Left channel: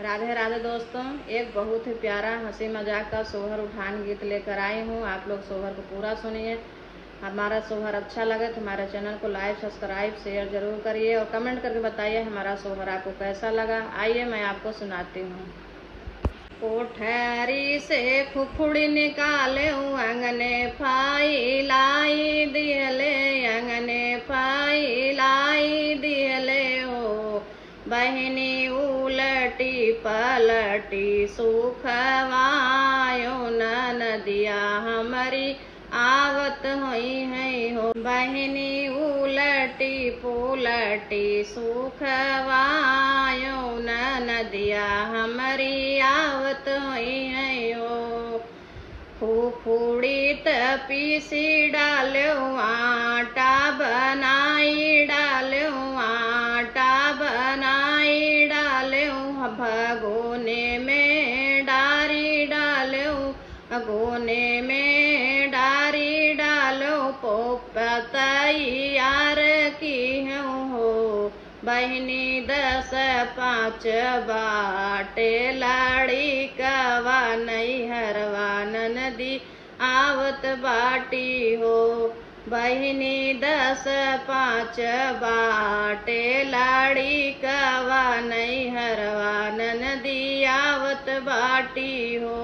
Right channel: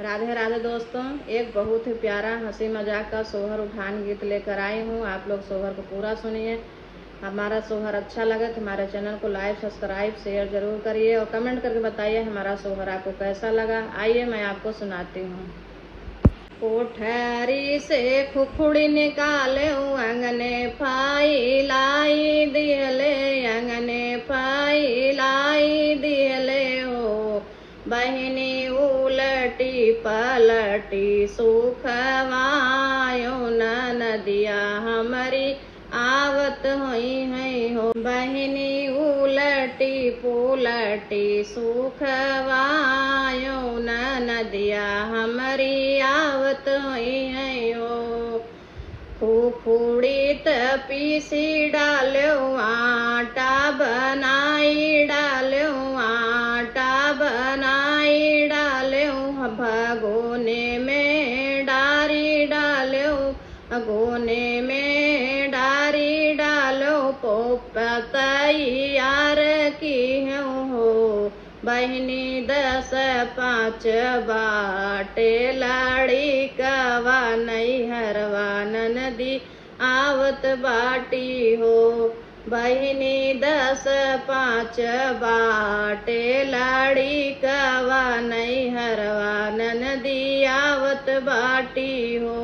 राधे राधे दोस्तों, एक बहुत ही प्यारा हंसी मजाक का सोहर उठान गीत लेकर आई हूँ। आप लोग सोहर को पूरा सुनिए। हमारा सोहर अच्छा लगे तो हमारे चैनल को लाइक सब्सक्राइब शेयर जरूर करिए और कमेंट करके बताइए हमारा सोहर आपको कैसा लगा। आइए मैं आपको सुनाती हूँ। कोठरी से खुखुड़ी निकाले अंगने फाई लाई दियले, अंगने फाई लाई दियले हो। बहिनी उलटी पलटी सुखवायो नदिया हमारी आवत होई है हो। बहिनी उलटी पुलटी सुखवायो नदिया हमारी आवत होई है हो। फुफुड़ी पीसी डालो आटा बनाई डालो, आटा बनाई डालो। भगोने में डारी डालो, भगोने में डारी डालो। पोपतई यार की हो। बहिनी 10 5 बाटे लाड़ी कवा नैहरवा नदी आवत बाटी हो। बहिनी 10 5 बाटे लाड़ी कवा नैहरवा नदी आवत बाटी हो।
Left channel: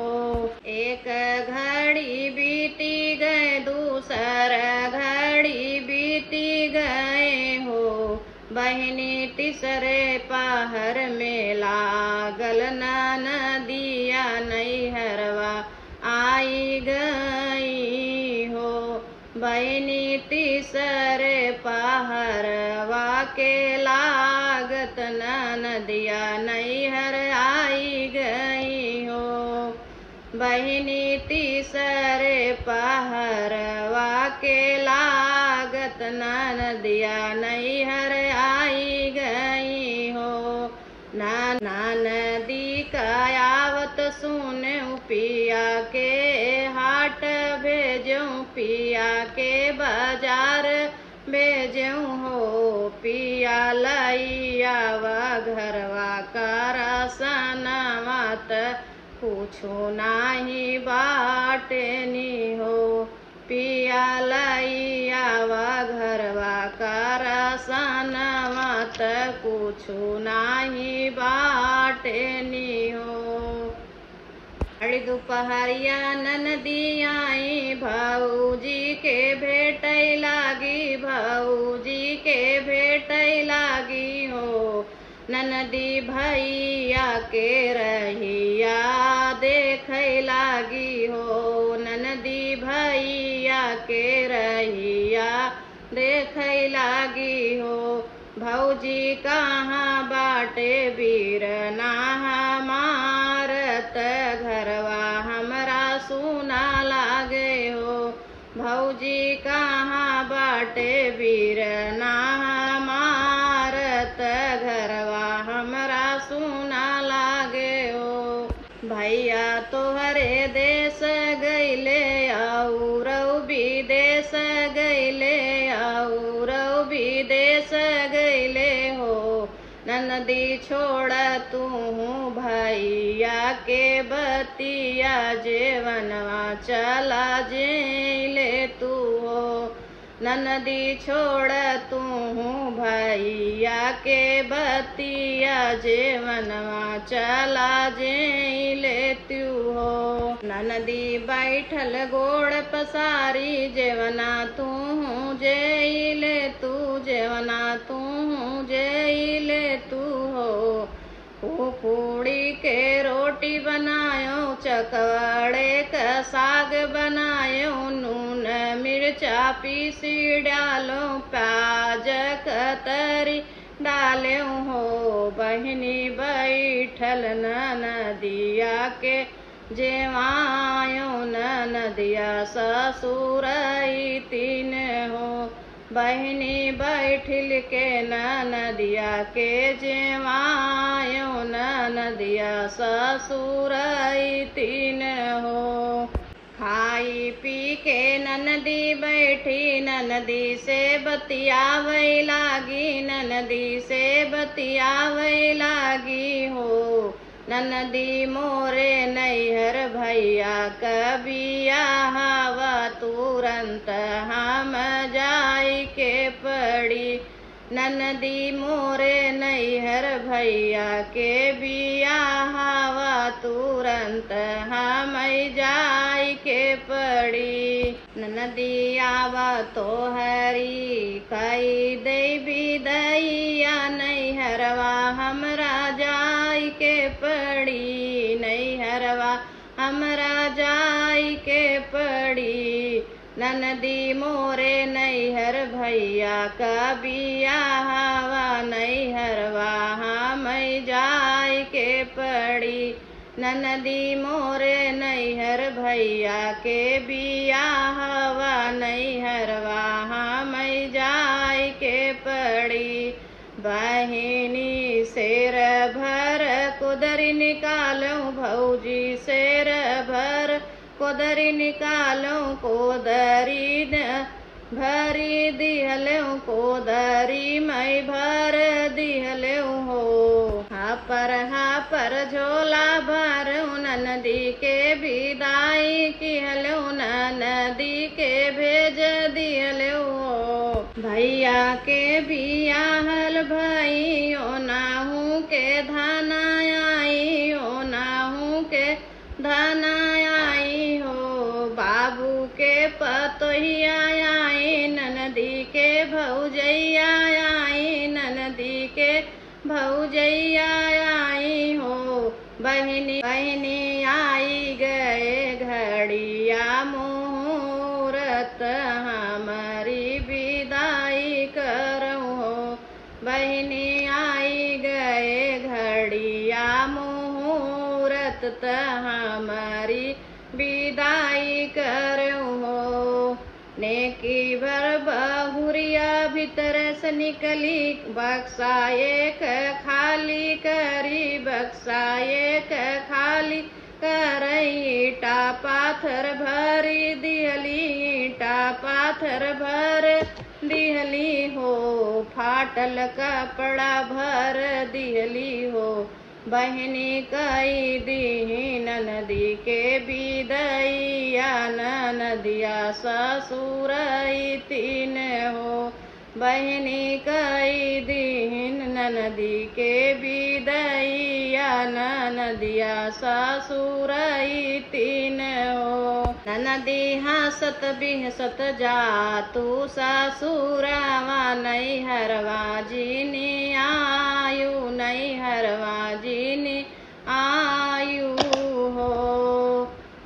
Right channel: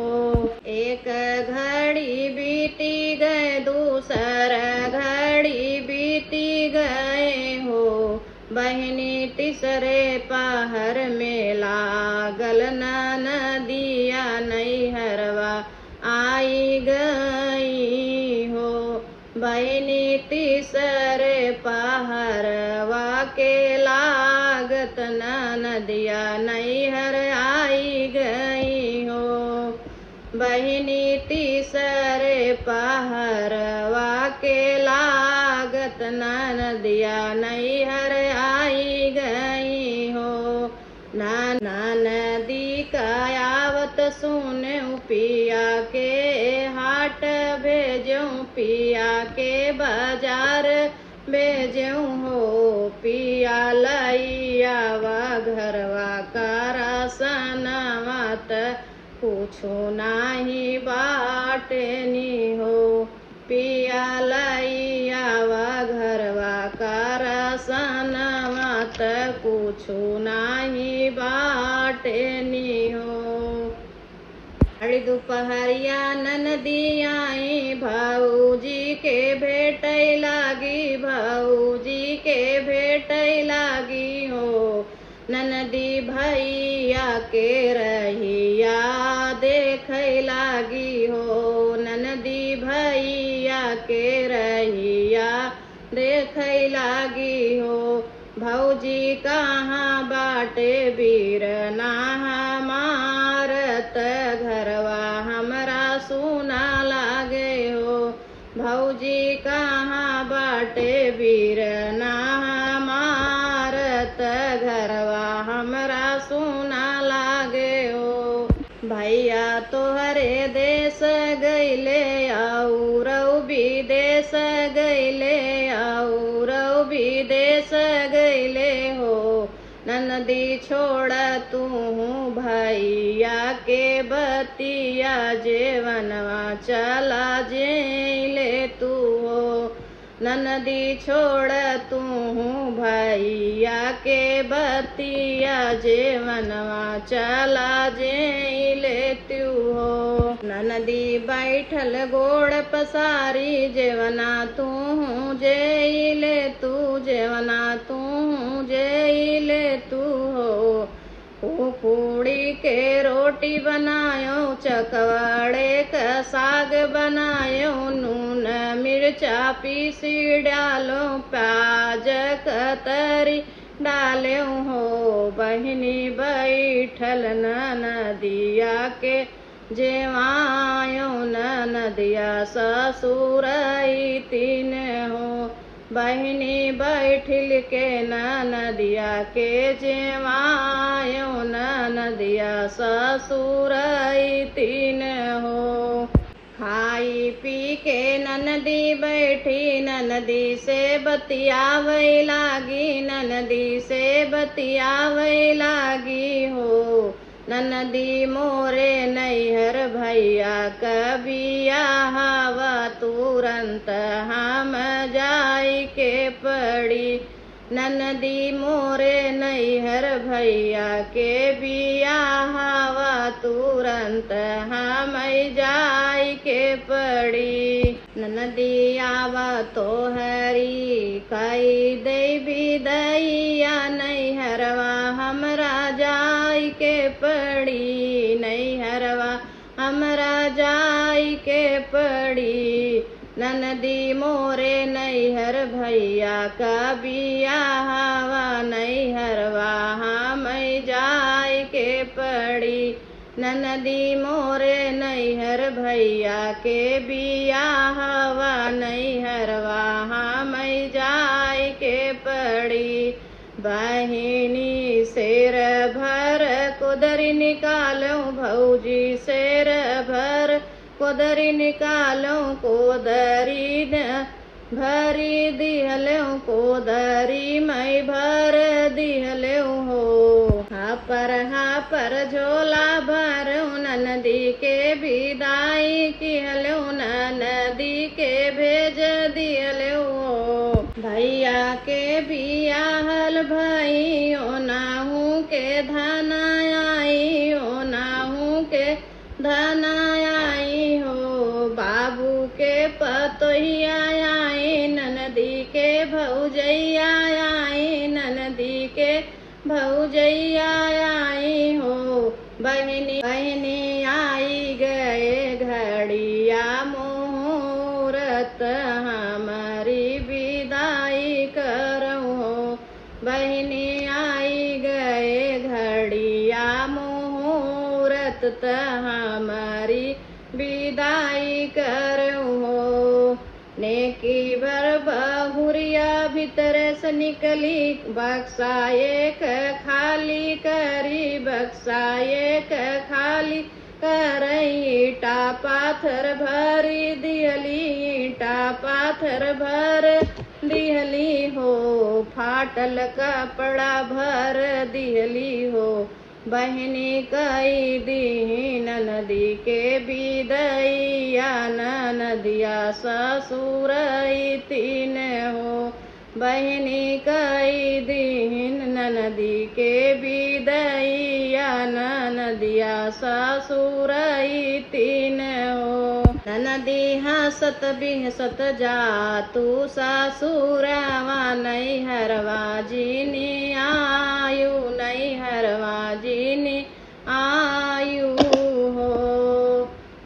एक घड़ी बीती गए, दूसर घड़ी बीती गए हो। बहिनी तीसरे पहर में लागल नदिया नैहरवा आई गई हो। बहिनी तीसरे पहरवा के लागत नदिया नैहर आई गई हो। बहिनी तीसरे पहरवा के लागत नदिया नैहर आई गई हो। नदी का आवत सुने पिया के हाट भेजो, पिया के बाजार भेजो हो। पिया लैया व घरवा करा सनवात पूछो नाही बाटनी हो। पिया लैया व घरवा करा सनवात पूछो नाही बाटनी हो। अड़ी दोपहरिया नदी आई, भाऊजी के भेटै लागी, भाऊजी के भेटै लागी हो। ननदी भैया के रहिया देखै लागी हो। ननदी भैया के रहिया देखै लागी हो। भौजी कहाँ बाटे बीरना हमारत घरवा हमरा सुना लागे हो। भौजी कहाँ बाटे बीरना हमारत घरवा हमरा सुना लागे हो। भैया तोहरे देश गईले आउरौ विदेश गईले, आउरौ विदेश गईले हो। ननदी छोड़ तू भैया के बतिया, जेवनवा चला जेले तू हो। ननदी छोड़ तू भैया के बतिया, जेवनवा चला जेले तू हो। ननदी बैठल गोड़ पसारी, जेवना तू जेले तू, जेवना तू जेले तू हो। फुफुड़ी के रोटी बनायो, चकवाड़े का साग बनायो। नून मिर्चा पीसी डालो, प्याज कतरी डालो हो। बहिनी बैठल नदिया के जेवायो, नदिया ससुरई तीन हो। बहिनी बैठिल के नदिया के जेवायो, नदिया ससुरई तीन हो। खाई पी के ननदी बैठी, ननदी से बतियावै लागी, ननदी से बतियावै लागी हो। ननदी मोरे नैहर भैया कबिया हवा तुरंत हम जाई के पड़ी। ननदी मोरे नैहर भैया के बिया हवा तुरंत हम जाई के पड़ी। ननदी आवा तोहरी कई दे विदैया नैहरवा हमरा जाई के पड़ी। नैहरवा हमरा जाई के पड़ी। ननदी मोरे नैहर भैया का बिया हवा नैहरवा हम जाई के पड़ी। ननदी मोरे नैहर भैया के बिया हवा नैहरवा हम जाई के पड़ी। बहिनी शेर भर कुदरी निकालो भौजी शेर भर कोदरी निकालो कोदरी भरी दिहलो कोदरी मैं भर दिहलो हो। हाँ पर झोला भरो ननदी के विदाई किहलो ननदी के भेज दिहलो। भैया के बियाहल भइयो नाहू के धाना आई हो नाहू के धाना आई हो। बाबू के पतोहिया आई ननदी के भौजैया आई ननदी के भौजैया आई हो। बहिनी आई गए घड़िया मुहूर्त हमारी विदाई करो हो। बहिनी आई गए घड़िया मुहूर्त हमारी विदाई करो हो। नेकी भर बहुरिया भीतर से निकली बक्सा एक खाली करी बक्सा एक खाली करई। ईटा पाथर भरी दिहली ईटा पाथर भर दिहली हो। फाटल कपड़ा भर दिहली हो। बहिनी कई दी ननदी के विदैया ननदिया ससुर तीन हो। बहिनी कई दिन ननदी के विदैया ननदिया ससुर तीन हो। ननदी हंसत बिहसत जा तू ससुरवा नैहरवा जिनी आयु नैहरवा जिनी आयु हो।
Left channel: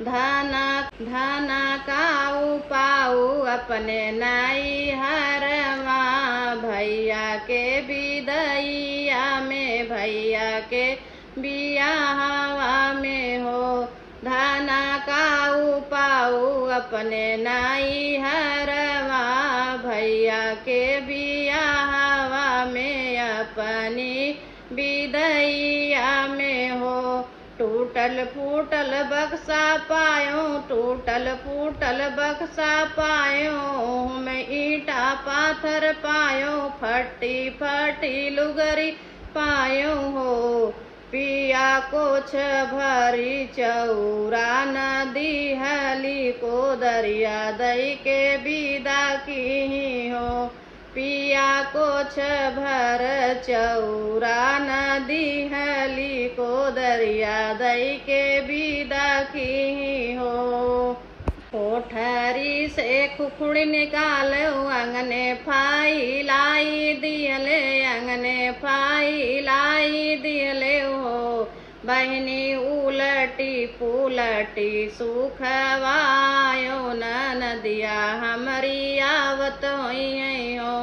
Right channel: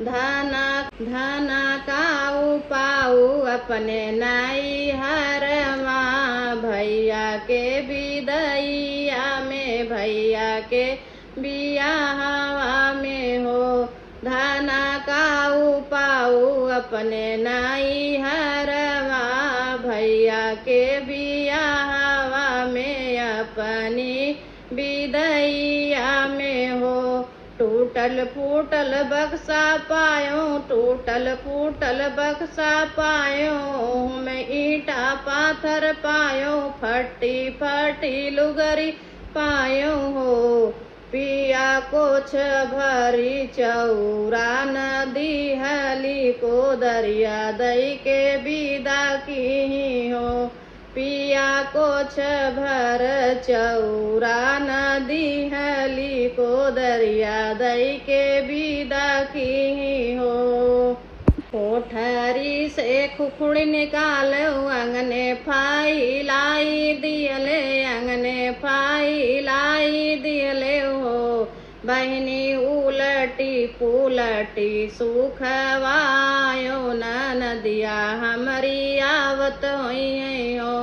धना काऊ पाऊ अपने नैहरवा भैया के विदैया में भैया के बियाहवा में हो। धना काऊ पाऊ अपने नैहरवा भैया के बियाहवा में अपनी विदैया में हो। टूटल फूटल बक्सा पायो टूटल फूटल बक्सा पायो। मैं ईटा पाथर पायो फटी फटी लुगरी पायो हो। पिया कुछ भरी चौरा नदी हली को दरिया दई के विदा की हो। पिया कुछ भर चौरा नदी हली को दरिया दई के विदा की हो। कोठरी से खुखुड़ी निकालो अंगने फाई लाई दियले अंगने फाई लाई दियले हो। बहिनी उलटी पुलटी सुखवायो ननदिया हमरी आवत होई हो।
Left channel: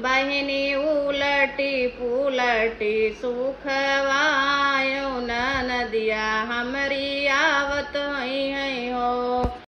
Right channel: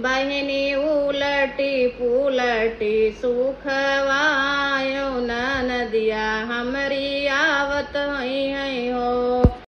बहिनी उलटी पुलटी सुखवायो ननदिया हमरी आवत होई हो।